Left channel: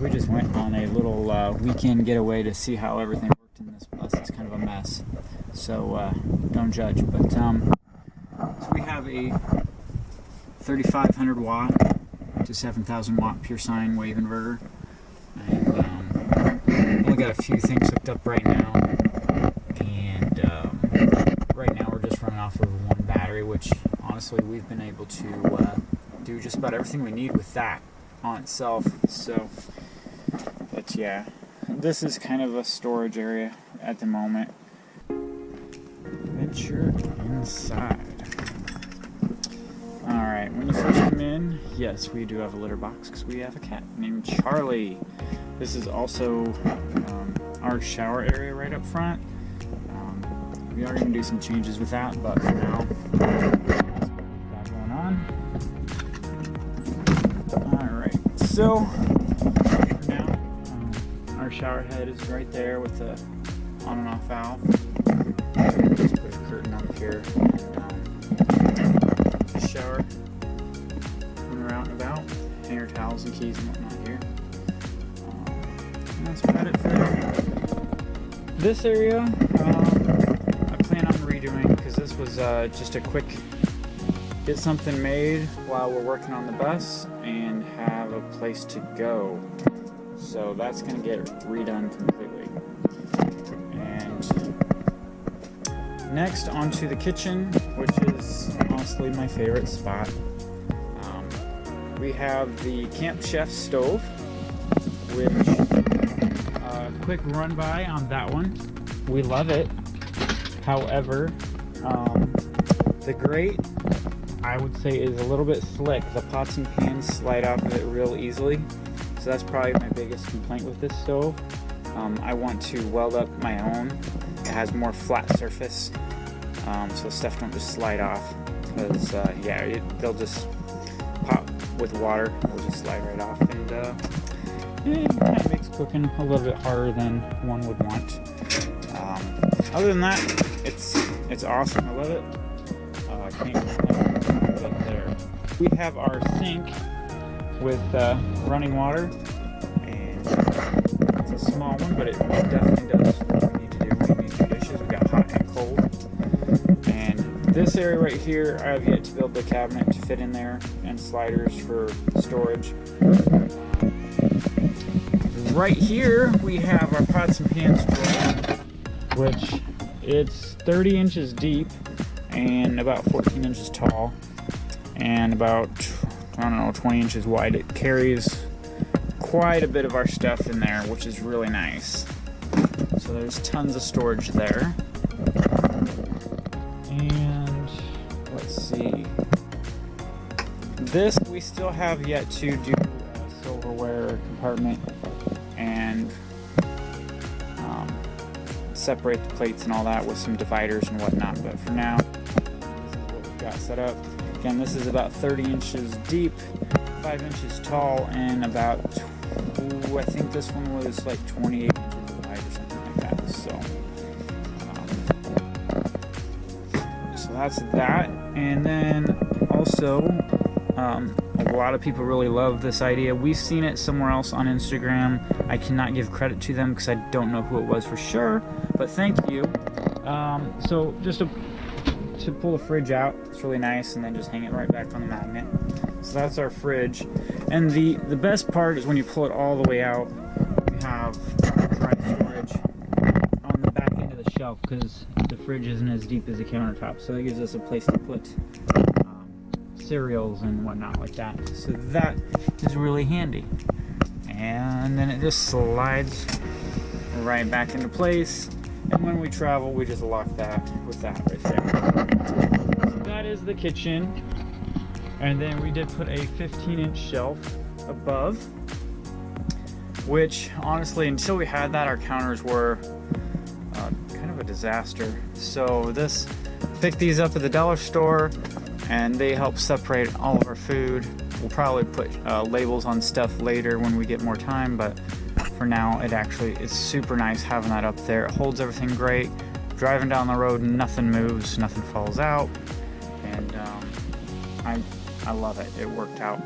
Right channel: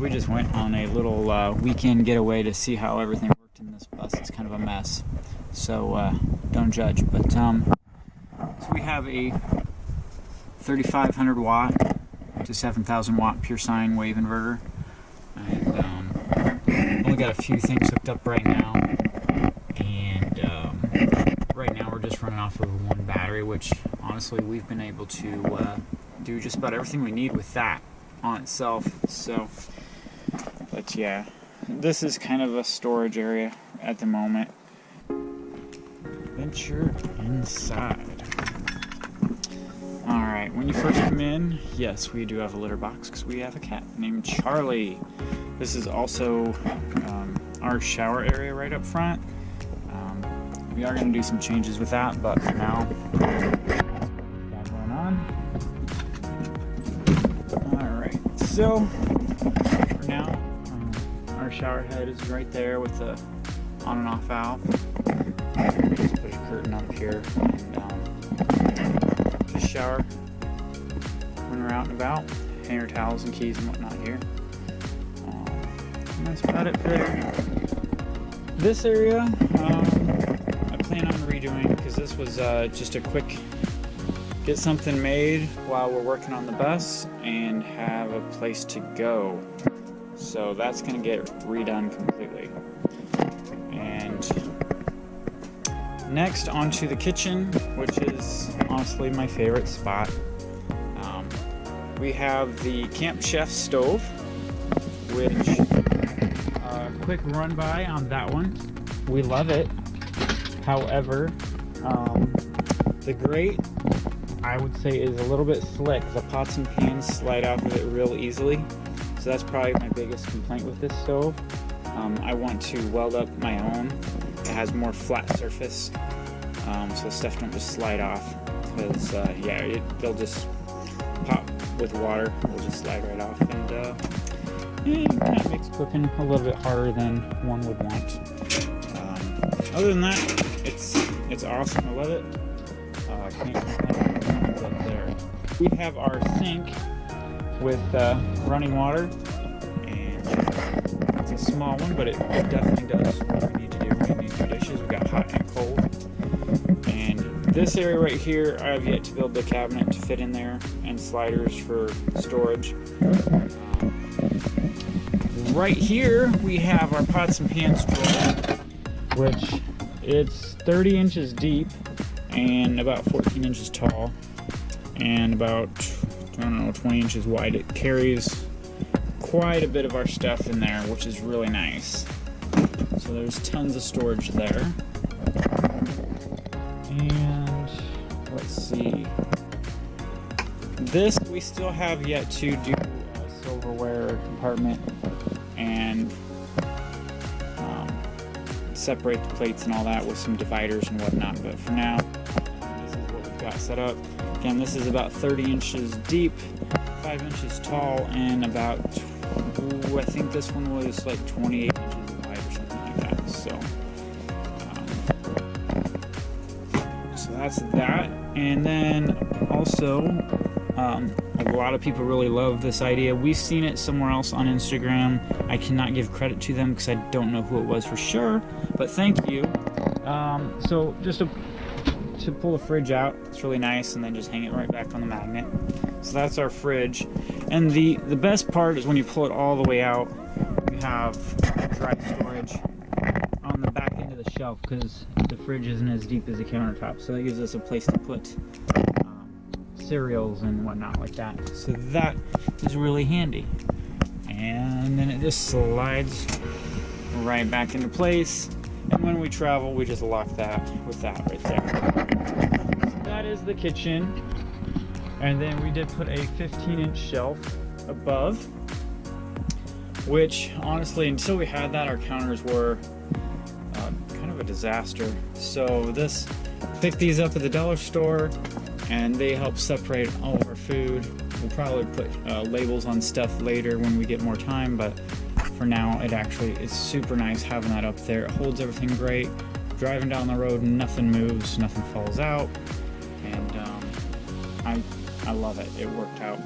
we just went on a little weekend getaway to see how everything worked in this bus. It's kind of a mess, so don't judge. But so we have a 3500 watt to 7000 watt pure sine wave inverter, and only got a few things hooked up right now. And right now we're just running off of one battery, which honestly we've been able to do just about everything we need with that on itself. So, but yeah, this is kind of a storage area at the moment. Venture inside. Alright, when you first come in, yes, we do have a litter box because we have a cat named Charlie. This is also our shower area right up front. We are going to do some changes with that, but for now, that's what we've got going on. Alright, so for now, our shower head is right there with the on and off valve. And we just put a curtain up here and just shower when we're out and about. Hang our towels and keys and whatnot here. And that's about it for there. This area, I plan on redoing because this was just a quick get something made while we're working on the bus and have a place to go. So that's going to get redone completely. And next onto the kitchen, which is honestly my favorite spot. We have the Camp Chef stove, which quick run by on that one. We love it. However, the grate, I would say, is a little bit slick. The pots and pans slide off of it real easily. So that's probably my biggest complaint with this stove. I want to weld up my own. It has more flat surface, so stuff don't just slide off. Because yeah, they'll just pop with water. It will just slide right off, and it kind of makes cooking a little bit harder than one would want. Other than that, it's awesome. I love it. I can't complain about there. We have our sink with running water, and it's a small one, but it definitely does what we need to do. We need to do dishes. We got hot and cold. And this area right here, I have yet to build the cabinet to fit in there, and sliders for storage. Right here we have our pots and pans drawer, which it's 30 inches deep and about 14 inches tall and about, I don't know, 20 inches wide. It carries quite a bit of our stuff in there, which is really nice. So there's tons of storage there. And let's see, this we still have yet to do a silverware compartment and separate the plates and all that with some dividers and whatnot. But for now, this is what we've got set up. Again, this is about 30 inches deep, 5 inches tall, and about, I think this one was like 28 inches wide or something like that. So that's that. And then also, a lot of people really love this idea. We've seen it somewhere else on Instagram. I cannot give credit to them because I don't know who it was for sure, but thank you. So just to pull the fridge out, it's really nice, and then just hang it right back on the magnet. So that's our fridge. And the best part is when you pull it all the way out, you have dry storage on the back end of the shelf because the fridge isn't as deep as the countertop. So that gives us a place to put cereals and whatnot like that. So that is really handy. And then it just slides right back into place. And when we travel, we just lock that with that right there. So that is the kitchen. And then we did put a 15-inch shelf above, which honestly, until we had that, our counters were kind of a disaster. So picked these up at the dollar store, and they help separate all of our food. We'll probably put labels on stuff later when we get more time, but for now, it's super nice having that up there. It holds everything great. Driving down the road, nothing moves, nothing falls out, and I love it. It worked out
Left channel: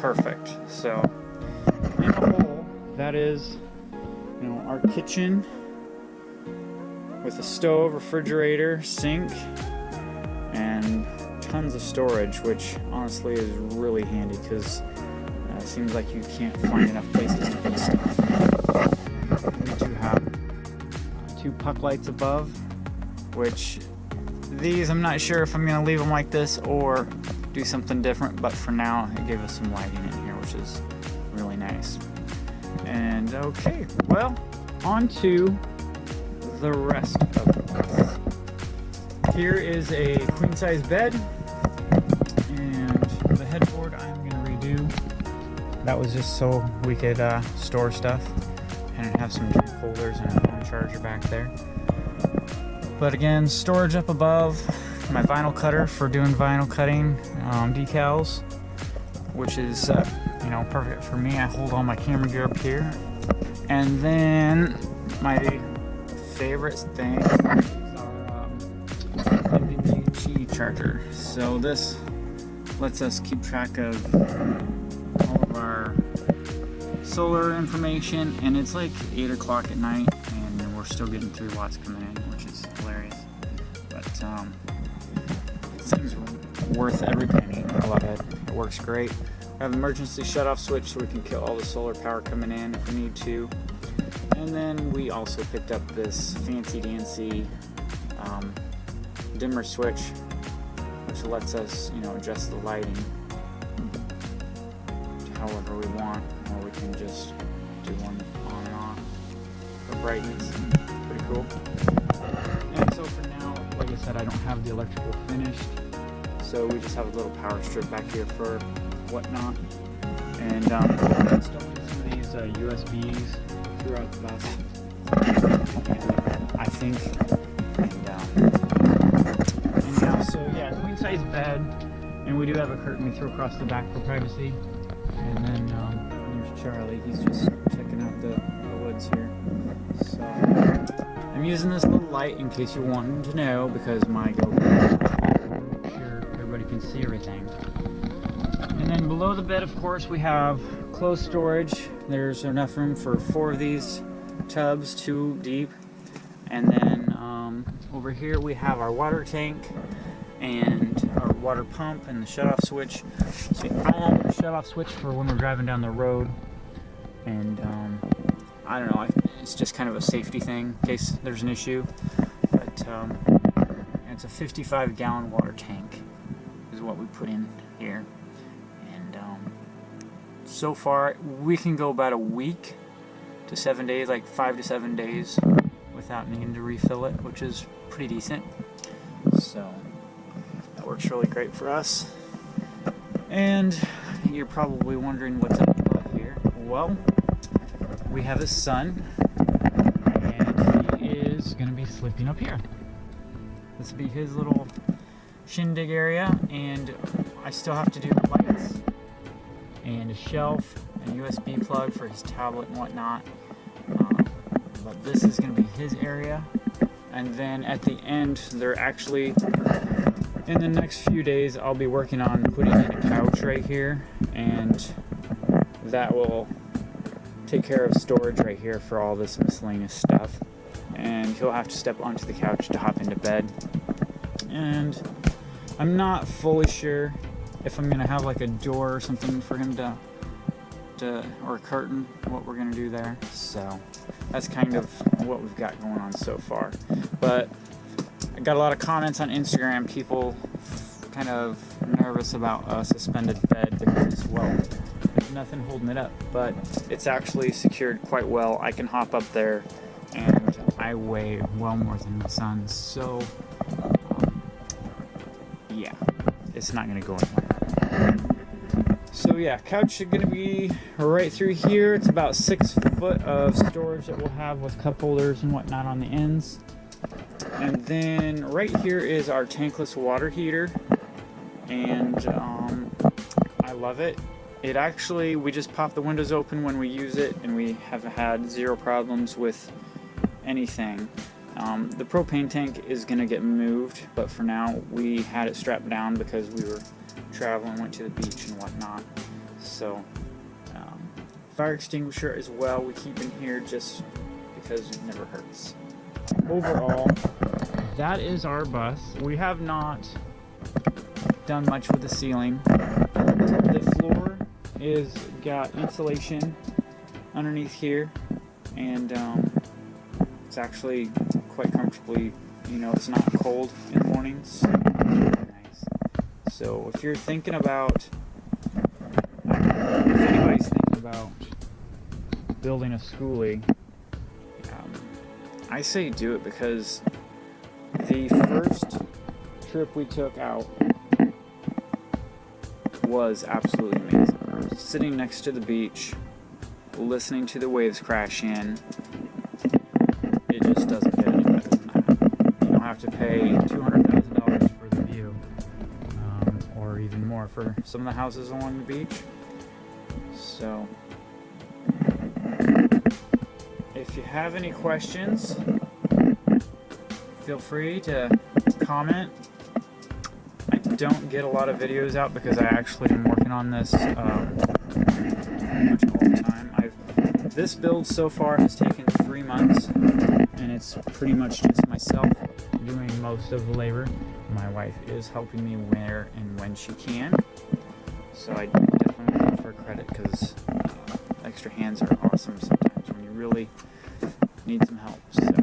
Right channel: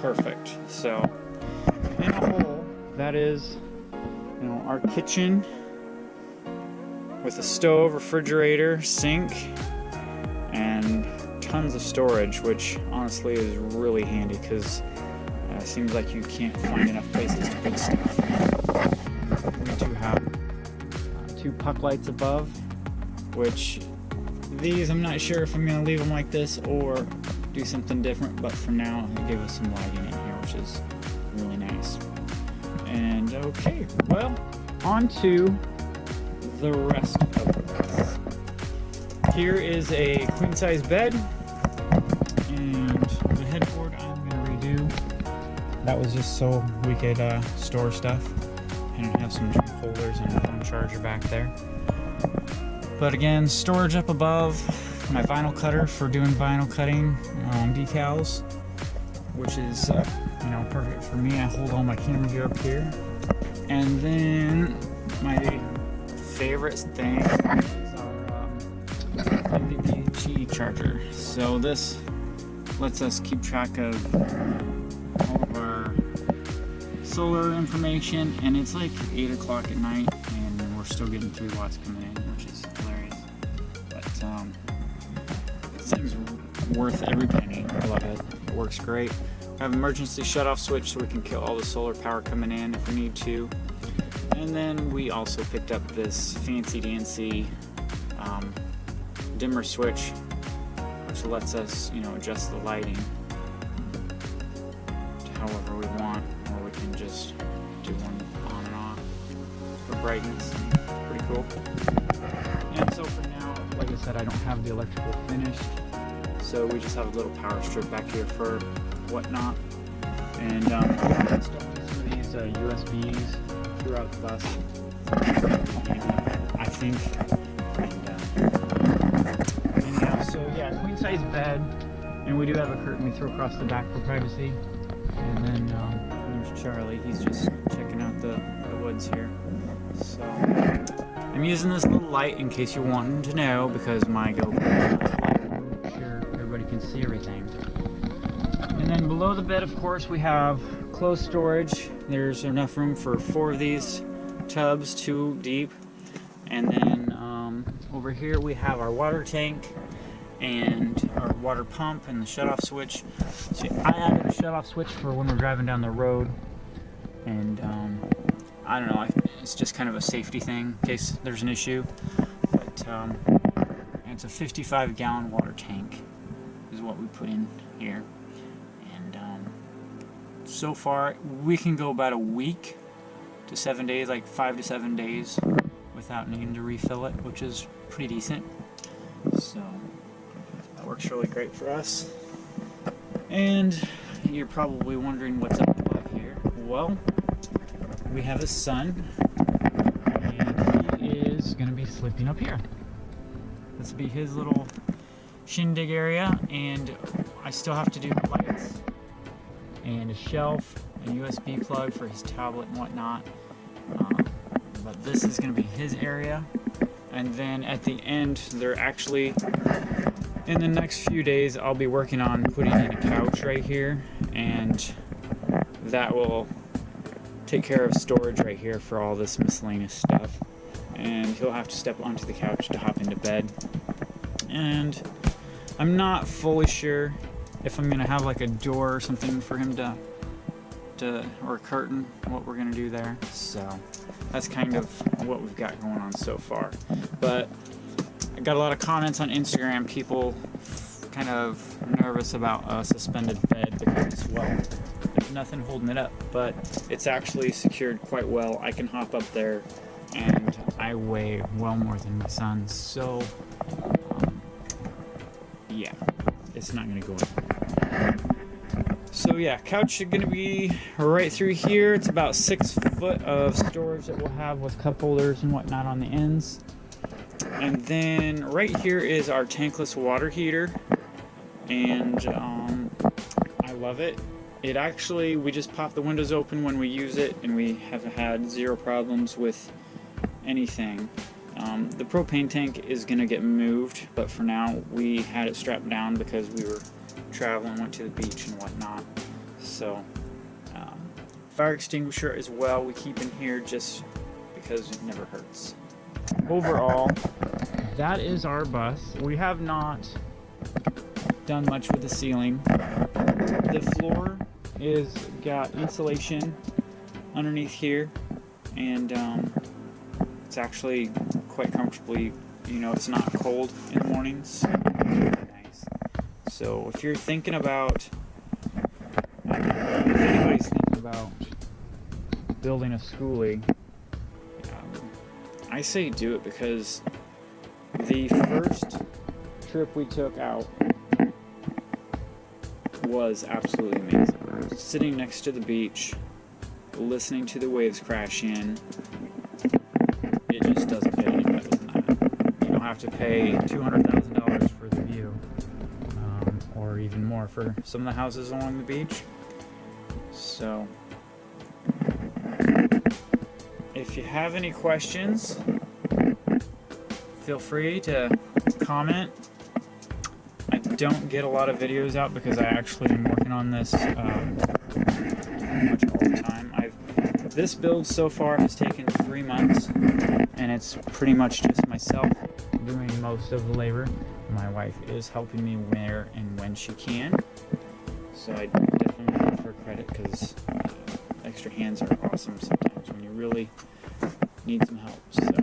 perfect. So in a whole, that is, you know, our kitchen with a stove, refrigerator, sink, and tons of storage, which honestly is really handy because it seems like you can't find enough places to put stuff. We do have 2 puck lights above, which these I'm not sure if I'm going to leave them like this or do something different, but for now it gave us some lighting in here, which is really nice. And okay, well, on to the rest of this. Here is a queen size bed, and the headboard I'm gonna redo. That was just so we could store stuff, and have some drink holders and a phone charger back there. But again, storage up above, my vinyl cutter for doing vinyl cutting, decals, which is you know, perfect for me. I hold all my camera gear up here. And then my favorite thing is our MVP charger. So this lets us keep track of all of our solar information, and it's like 8 o'clock at night and we're still getting 3 watts coming in, which is hilarious. But this thing's worth every penny. I love it. It works great. We have an emergency shut-off switch so we can kill all the solar power coming in if we need to. And then we also picked up this fancy dancy dimmer switch, which lets us, you know, adjust the lighting to however we want, or we can just do one on and off for brightness. Pretty cool. And so for now, like I said, I don't have the electrical finished, so we just have a little power strip back here for whatnot. And we are installing some of these USBs throughout the bus, I think. And anyhow, so yeah, queen size bed, and we do have a curtain we throw across the back for privacy. And then there's Charlie. He's just checking out the woods here. So I'm using this little light in case you're wanting to know, because my GoPro has a light to make sure everybody can see everything. And then below the bed, of course, we have closed storage. There's enough room for 4 of these tubs, 2 deep. And then over here we have our water tank and our water pump and the shutoff switch. So I added a shutoff switch for when we're driving down the road. And I don't know, it's just kind of a safety thing in case there's an issue. But and it's a 55-gallon water tank is what we put in here. And so far we can go about a week to 7 days, like 5 to 7 days without needing to refill it, which is pretty decent. So that works really great for us. And you're probably wondering what's up above here. Well, we have a son, and he is going to be sleeping up here. This will be his little shindig area, and I still have to do the lights and a shelf and a USB plug for his tablet and whatnot. But this is going to be his area. And then at the end, they're actually, in the next few days, I'll be working on putting in a couch right here, and that will take care of storage right here for all this miscellaneous stuff. And he'll have to step onto the couch to hop into bed. And I'm not fully sure if I'm gonna have like a door or something for him to or a curtain, what we're gonna do there. So that's kind of what we've got going on so far. But I got a lot of comments on Instagram, people kind of nervous about a suspended bed because, well, there's nothing holding it up, but it's actually secured quite well. I can hop up there, and I weigh well more than my son, so yeah, it's not gonna go anywhere. So yeah, couch is gonna be right through here. It's about 6 foot of storage that we'll have with cup holders and whatnot on the ends. And then right here is our tankless water heater, and I love it. It actually, we just pop the windows open when we use it, and we have had 0 problems with anything. The propane tank is gonna get moved, but for now we had it strapped down because we were traveling, went to the beach and whatnot. So Fire extinguisher as well we keep in here just because it never hurts. Overall, that is our bus. We have not done much with the ceiling. The floor is got insulation underneath here, and it's actually quite comfortably, you know, it's not cold in the mornings. Really nice. So if you're thinking about, I don't know, if anybody's thinking about building a Skoolie, I say do it, because the first trip we took out was absolutely amazing. Sitting next to the beach, listening to the waves crash in, it just doesn't get any better than that. You don't have to pay $200,000 for the view, or even more for some of the houses along the beach. So, if you have any questions, feel free to comment. I don't get a lot of videos out because I actually am working on this pretty much all the time. This build so far has taken 3 months, and it's pretty much just myself doing most of the labor. My wife is helping me where and when she can, so I definitely give her credit, because extra hands are awesome sometimes when you really need some help. So